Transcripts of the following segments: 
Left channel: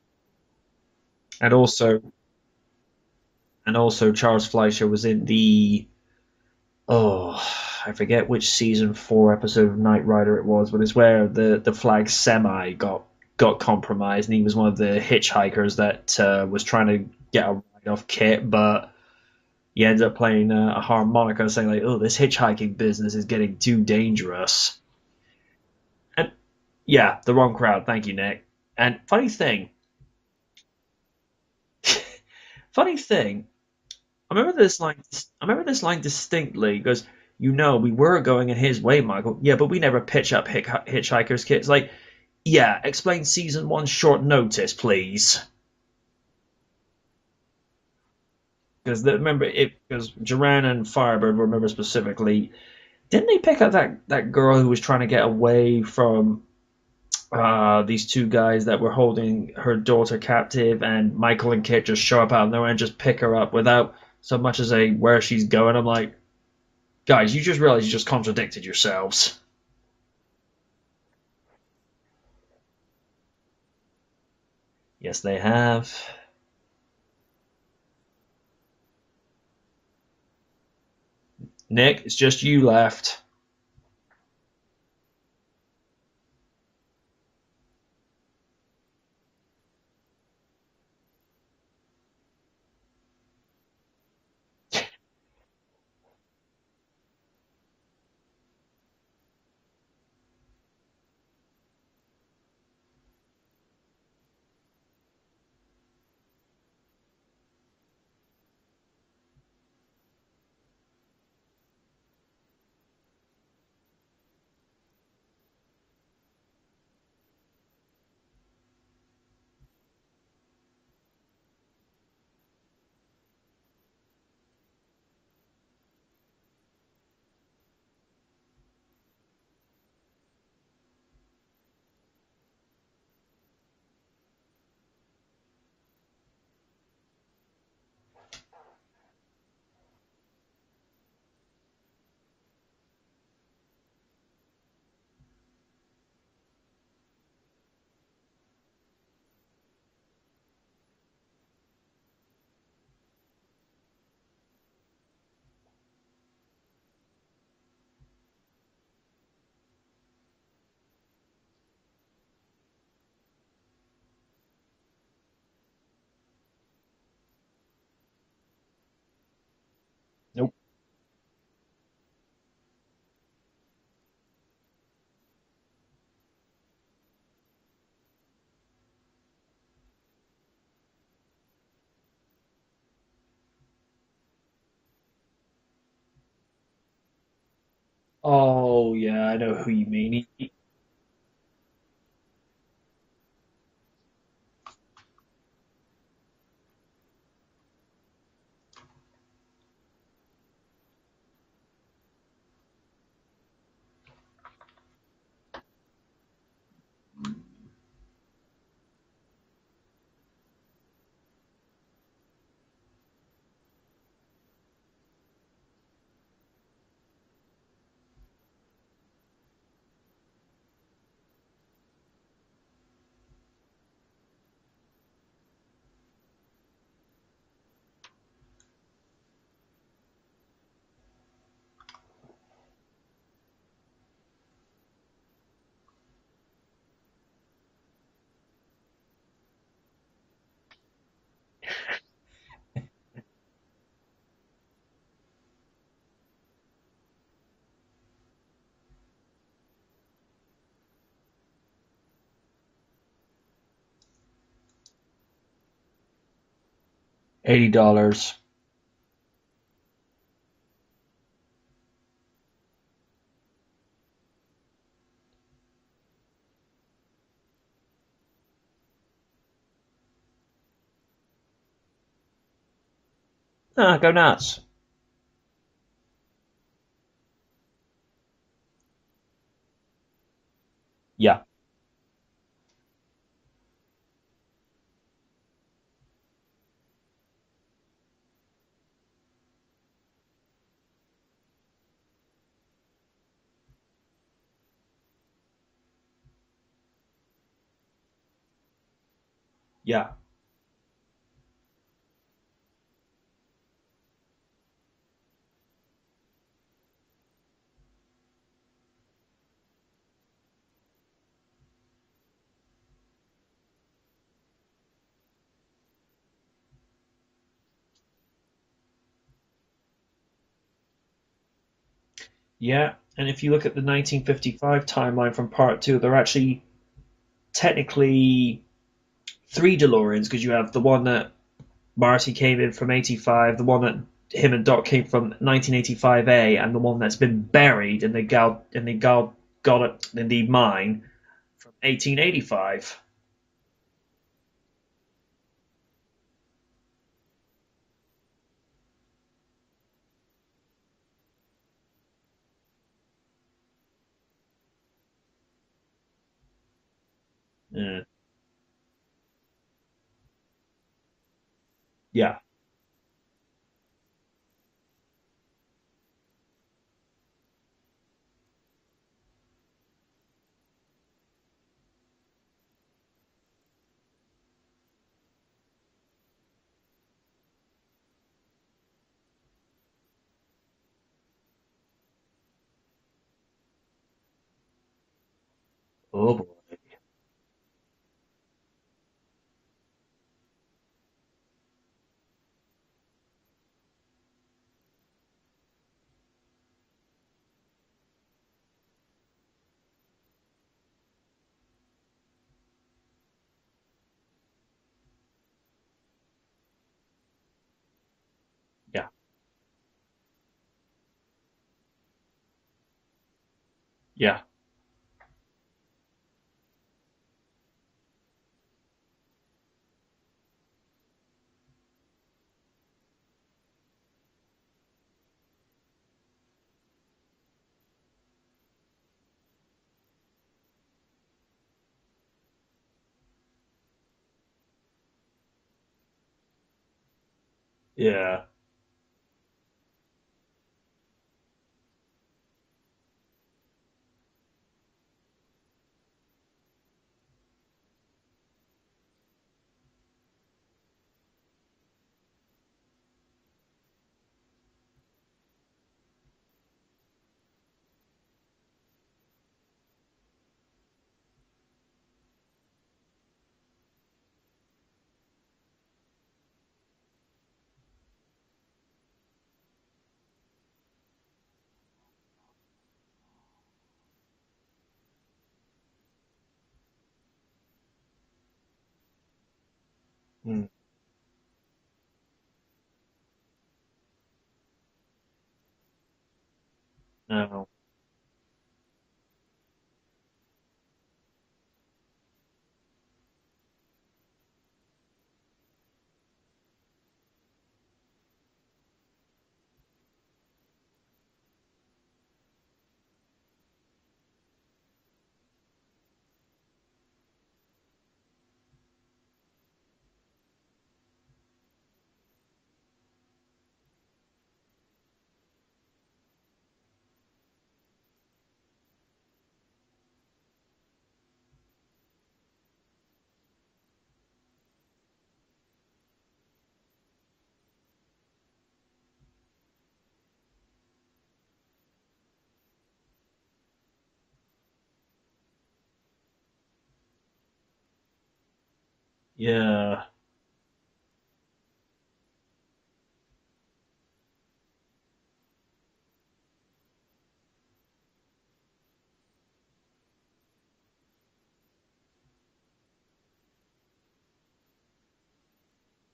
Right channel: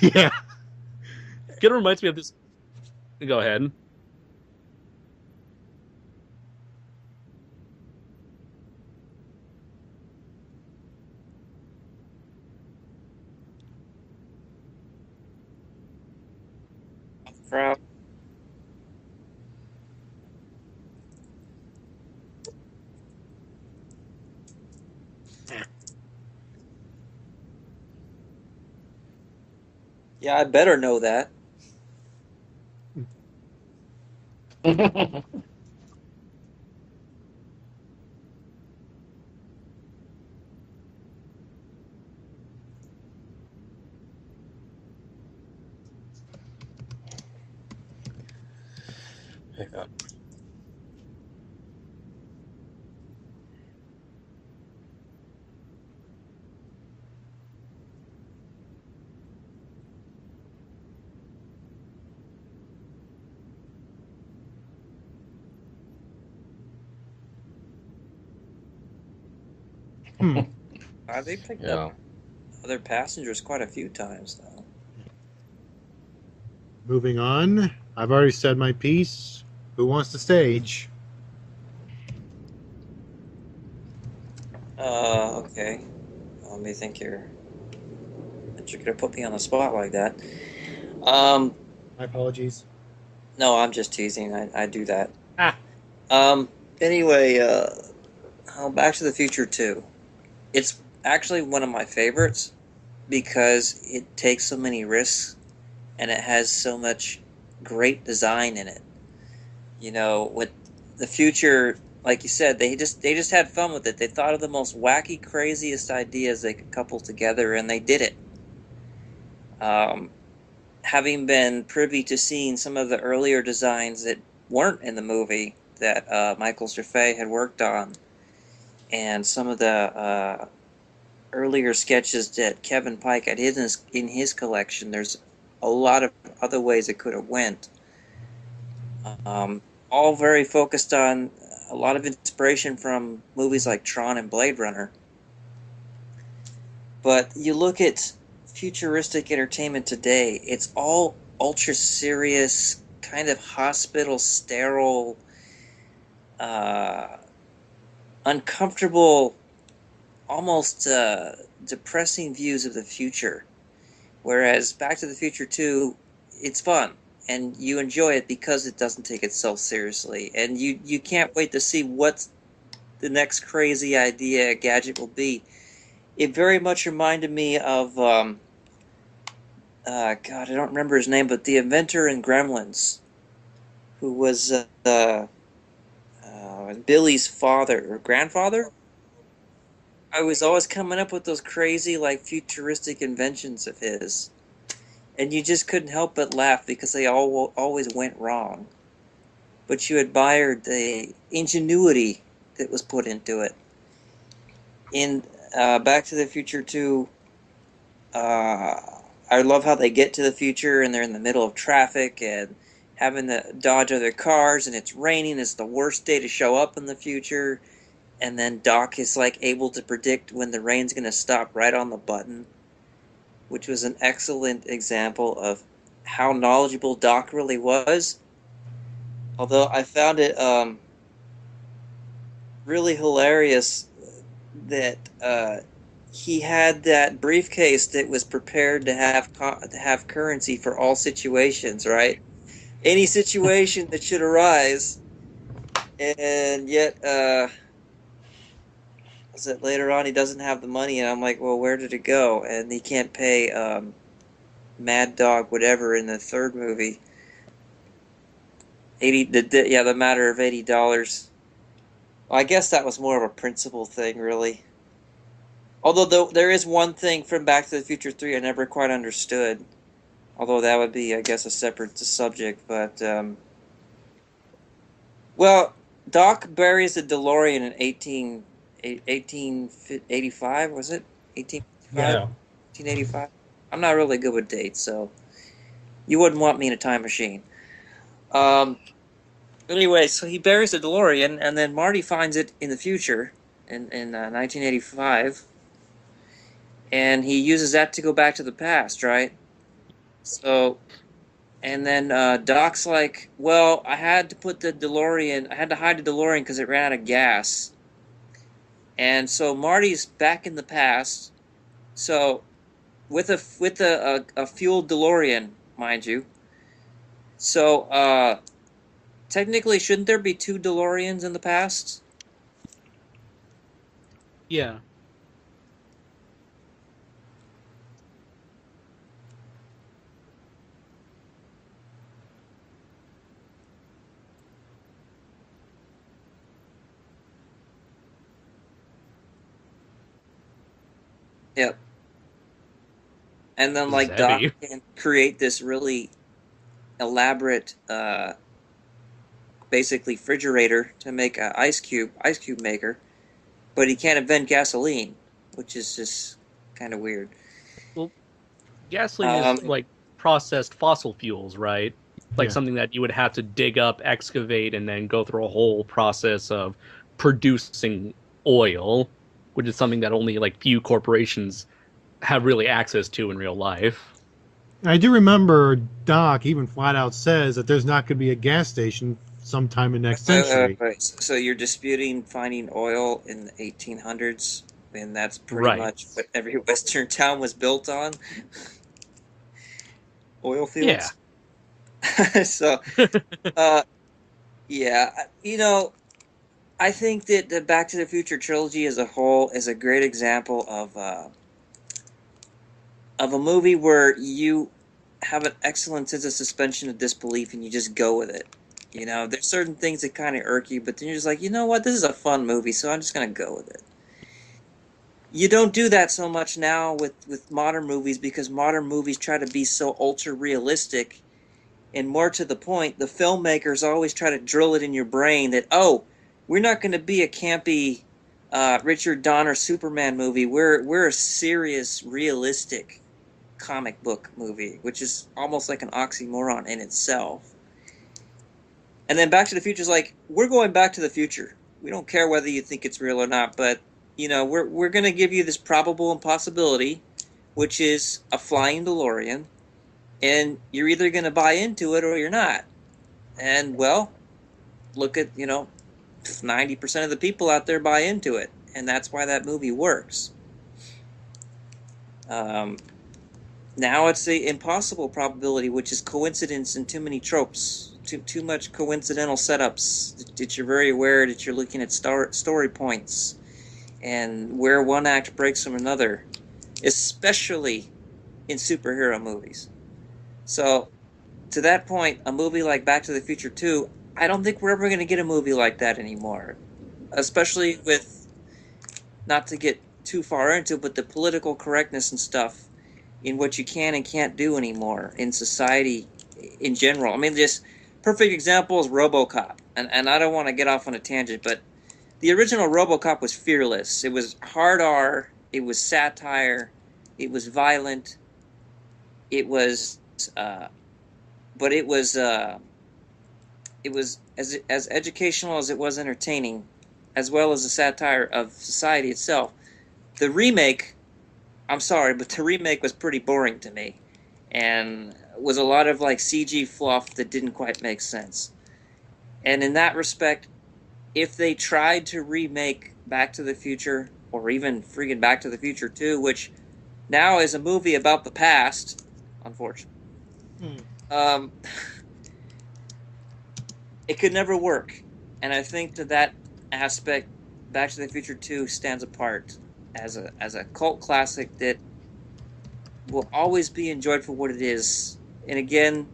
Yeah. And It also, reminds me of this. Go ahead. Charles Fleischer was in the oh, I forget which season 4 episode of Knight Rider it was, but it's where the flag semi got compromised, and he was one of the hitchhikers that was trying to get Crowd. off Kit, but he ends up playing a harmonica, saying like, "Oh, this hitchhiking business is getting too dangerous." And yeah, the wrong crowd. Thank you, Nick. And Yeah, I better know that. funny thing, I remember this line. I remember this line distinctly. He goes, we were going in his way, Michael. Yeah, but we never pitch up hitchhikers kits. Like, yeah, explain season 1 short notice, please. Because remember, because Duran and Firebird remember specifically. Didn't they pick up that girl who was trying to get away from these two guys that were holding her daughter captive, and Michael and Kit just show up out of nowhere and just pick her up without so much as a where she's going? I'm like, guys, you just realized you just contradicted yourselves. Hmm. They picked Yeah. up other passengers quite a few times, though. Yes, they have. Moving on. I've already said my piece. Who wants the stage? Nick, it's just you left. Okay. Let me think here. That you're gonna put me on the spot like that. Um, My apologies. no, I'm just teasing. I do that. Ah. Anyway, Back to the Future 2. It's actually one of my favorites because it takes so many risks and it has so much great design in it. You know, with the future, like you said, they just had fun with it. They thought of the most wacky, craziest ideas they could couple together, and they did it. Um, Having been privy to seeing some of the earlier designs that weren't in the movie that Michael Cerfay had worked on, and some of the earlier sketches that Kevin Pike had in his collection, there's a lot of other ways it could have went. All very focused on a lot of inspiration from movies like Tron and Blade Runner. But you look at futuristic entertainment today, it's all ultra serious, kind of hospital sterile, uh, uncomfortable, almost depressing views of the future. Whereas Back to the Future 2, it's fun and you enjoy it because it doesn't take itself seriously, and you can't wait to see what the next crazy idea gadget will be. It very much reminded me of God, I don't remember his name, but the inventor in Gremlins, who was Billy's father or grandfather. Oh yeah, I know who you I mean. was always coming up with those crazy, like, futuristic inventions of his, and you just couldn't help but laugh because they all always went wrong. But you admired the ingenuity that was put into it. In Back to the Future 2, I love how they get to the future and they're in the middle of traffic and having to dodge other cars, and it's raining. It's the worst day to show up in the future. And then Doc is like able to predict when the rain's going to stop right on the button, which was an excellent example of how knowledgeable Doc really was. Although I found it really hilarious that he had that briefcase that was prepared to have currency for all situations, right? Any situation that should arise, and yet, was it later on he doesn't have the money, and I'm like, well, where did it go? And he can't pay Mad Dog whatever in the third movie. $80. 80, the matter of $80. Well, I guess that was more of a principle thing, really. Although there is one thing from Back to the Future 3 I never quite understood. Although that would be, I guess, a separate subject. But, Go nuts. well, Doc buries the DeLorean in 1885, was it? Yeah. 1885? Yeah. 1885? I'm not really good with dates, so you wouldn't want me in a time machine. Anyway, so he buries the DeLorean, and then Marty finds it in the future, in 1985, and he uses that to go back to the past, right? Yeah. So, and then Doc's like, well, I had to put the DeLorean, I had to hide the DeLorean because it ran out of gas. And so Marty's back in the past. So with a fueled DeLorean, mind you. So technically, shouldn't there be two DeLoreans in the past? Yeah. And if you look at the 1955 Yeah. timeline from Part 2, there are actually technically three DeLoreans because you have the one that Marty came in from 85, the one that him and Doc came from 1985A, and the one that's been buried and they got it in the mine, Yep. 1885. And then This is like Doc heavy. can create this really elaborate, basically refrigerator to make an ice cube maker, but he can't invent gasoline, which is just kind of weird. Yeah. Well, gasoline Um, is like processed fossil fuels, right? Yeah. Like Yeah. something that you would have to dig up, excavate, and then go through a whole process of producing oil, which is something that only like few corporations have really access to in real life. I do remember Doc even flat out says that there's not going to be a gas station sometime in next century. So you're disputing finding oil in the 1800s, and that's pretty Right. much Oh. what every Western town was built on, oil Yeah. fields. So, yeah, I think that the Back to the Future trilogy as a whole is a great example of a movie where you have an excellent sense of suspension of disbelief and you just go with it. Yeah. There's certain things that kind of irk you, but then you're just like, you know what, this is a fun movie, so I'm just gonna go with it. Yeah. You don't do that so much now with modern movies because modern movies try to be so ultra realistic. And more to the point, the filmmakers always try to drill it in your brain that, oh, we're not going to be a campy Richard Donner Superman movie. We're a serious, realistic comic book movie, which is almost like an oxymoron in itself. Yeah. And then Back to the Future is like, we're going back to the future. We don't care whether you think it's real or not, but we're going to give you this probable impossibility, which is a flying DeLorean, and you're either going to buy into it or you're not. And well, look at 90% of the people out there buy into it, and that's why that movie works. Now it's the impossible probability, which is coincidence and too many tropes, too much coincidental setups that you're very aware that you're looking at story points and where one act breaks from another, especially in superhero movies. So, to that point, a movie like Back to the Future 2, I don't think we're ever going to get a movie like that anymore. Especially with, not to get too far into it, but the political correctness and stuff in what you can and can't do anymore in society in general. I mean, just perfect example is RoboCop. And I don't want to get off on a tangent, but the original RoboCop was fearless. It was hard R, it was satire, it was violent, it was but it was as educational as it was entertaining, as well as a satire of society itself. The remake, I'm sorry, but the remake was pretty boring to me, and was a lot of like CG fluff that didn't quite make sense. And in that respect, if they tried to remake Back to the Future, or even freaking Back to the Future 2, which now is a movie about the past, Yeah. It could never work. And I think that aspect, Back to the Future 2 stands apart as a cult classic that will always be enjoyed for what it is. And again,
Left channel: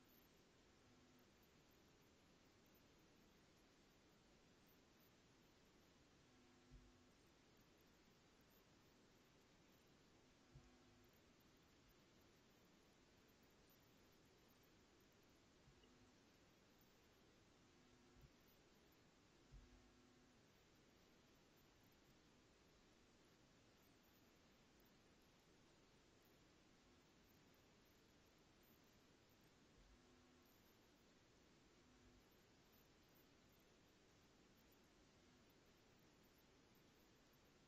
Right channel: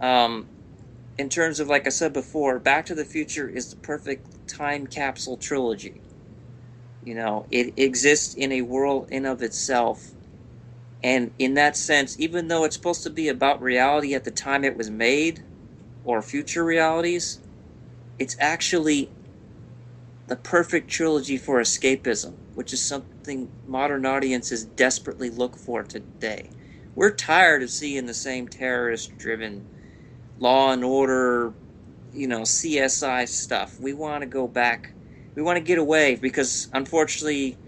in terms of, like I said before, Back to the Future is the perfect time capsule trilogy. It exists in a world in of itself. And in that sense, even though it's supposed to be about reality at the time it was made, or future realities, it's actually the perfect trilogy for escapism, which is something modern audiences desperately look for today. We're tired of seeing the same terrorist-driven Law and Order, CSI stuff. We want to go back. We want to get away because, unfortunately,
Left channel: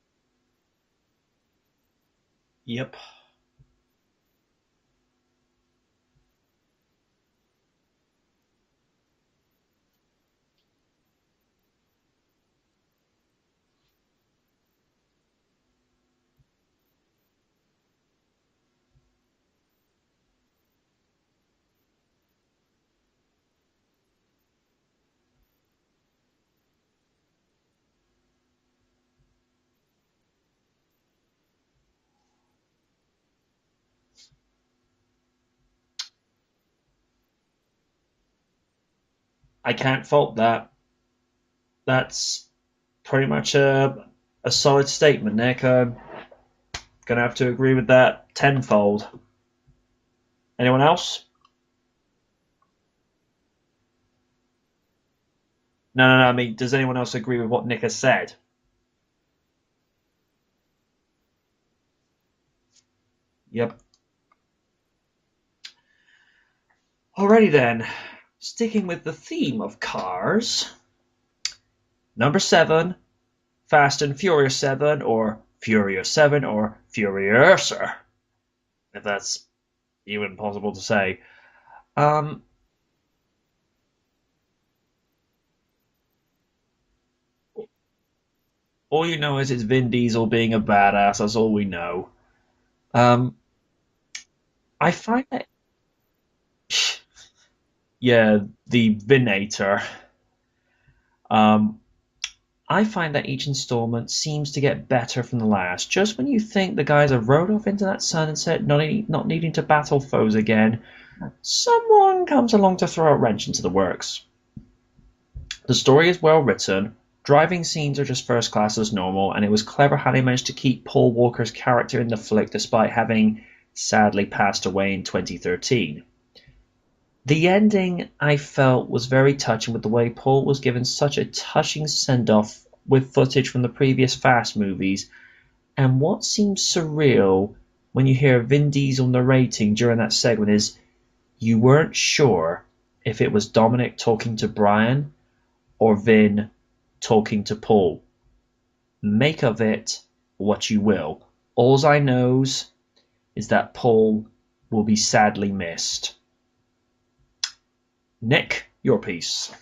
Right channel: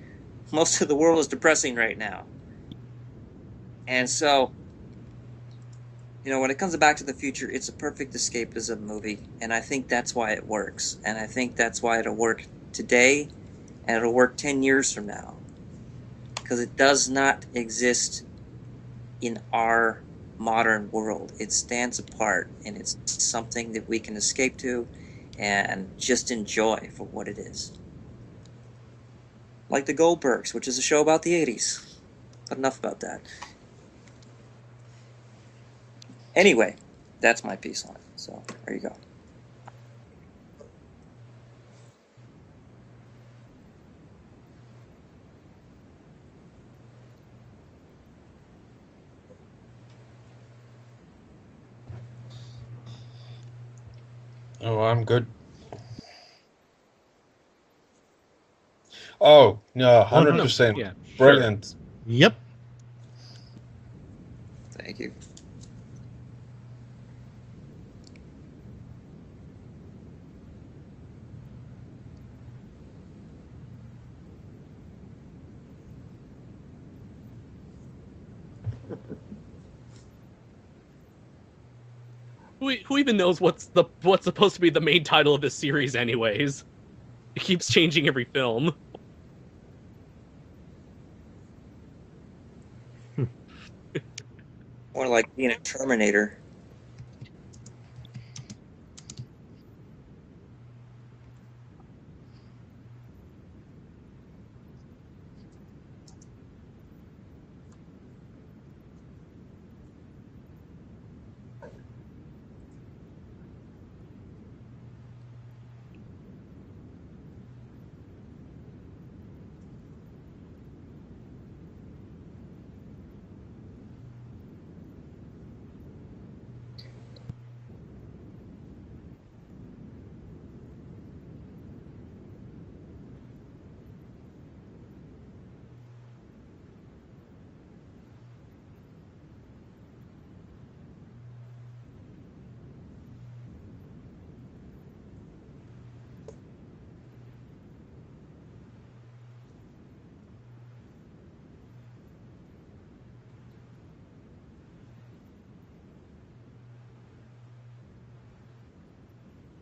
most of the world is depressing right now. Yep. And so, when it comes to Back to the Future, it's a perfect escapism movie, and I think that's why it works. And I think that's why it'll work today, and it'll work 10 years from now. Because it does not exist in our modern world. It stands apart, and it's something that we can escape to and just enjoy for what it is. Like The Goldbergs, which is a show about the 80s. But enough about that. Anyway, that's my piece on it. So, there you go. I can't fault that. That's pretty much a solid statement, Nick. I'm gonna have to agree with that tenfold. Anyone else? Oh, I'm good. No. I mean, does anyone else agree with what Nick has said? Oh, no, 100%. Yeah, Brilliant. Yep. Yep. Thank you. Alrighty then. Sticking with the theme of cars. Number 7, Fast and Furious 7, or Furious 7, or Furiouser, if that's even possible to say. Who even knows what's supposed to be the main title of this series, anyways? It keeps changing every film. All you know is it's Vin Diesel being a badass. That's all we know. I More find like that- being a Terminator. yeah, the Vinator. I find that each installment seems to get better from the last. Just when you think the guys have rode off into that sunset, not needing to battle foes again, someone comes along to throw a wrench into the works. The story is well written, driving scenes are just first class as normal, and it was clever how they managed to keep Paul Walker's character in the flick despite having sadly passed away in 2013. The ending, I felt, was very touching with the way Paul was given such a touching send-off with footage from the previous Fast movies, and what seems surreal when you hear Vin Diesel narrating during that segment is you weren't sure if it was Dominic talking to Brian or Vin talking to Paul. Make of it what you will. All I knows is that Paul will be sadly missed. Nick, your piece.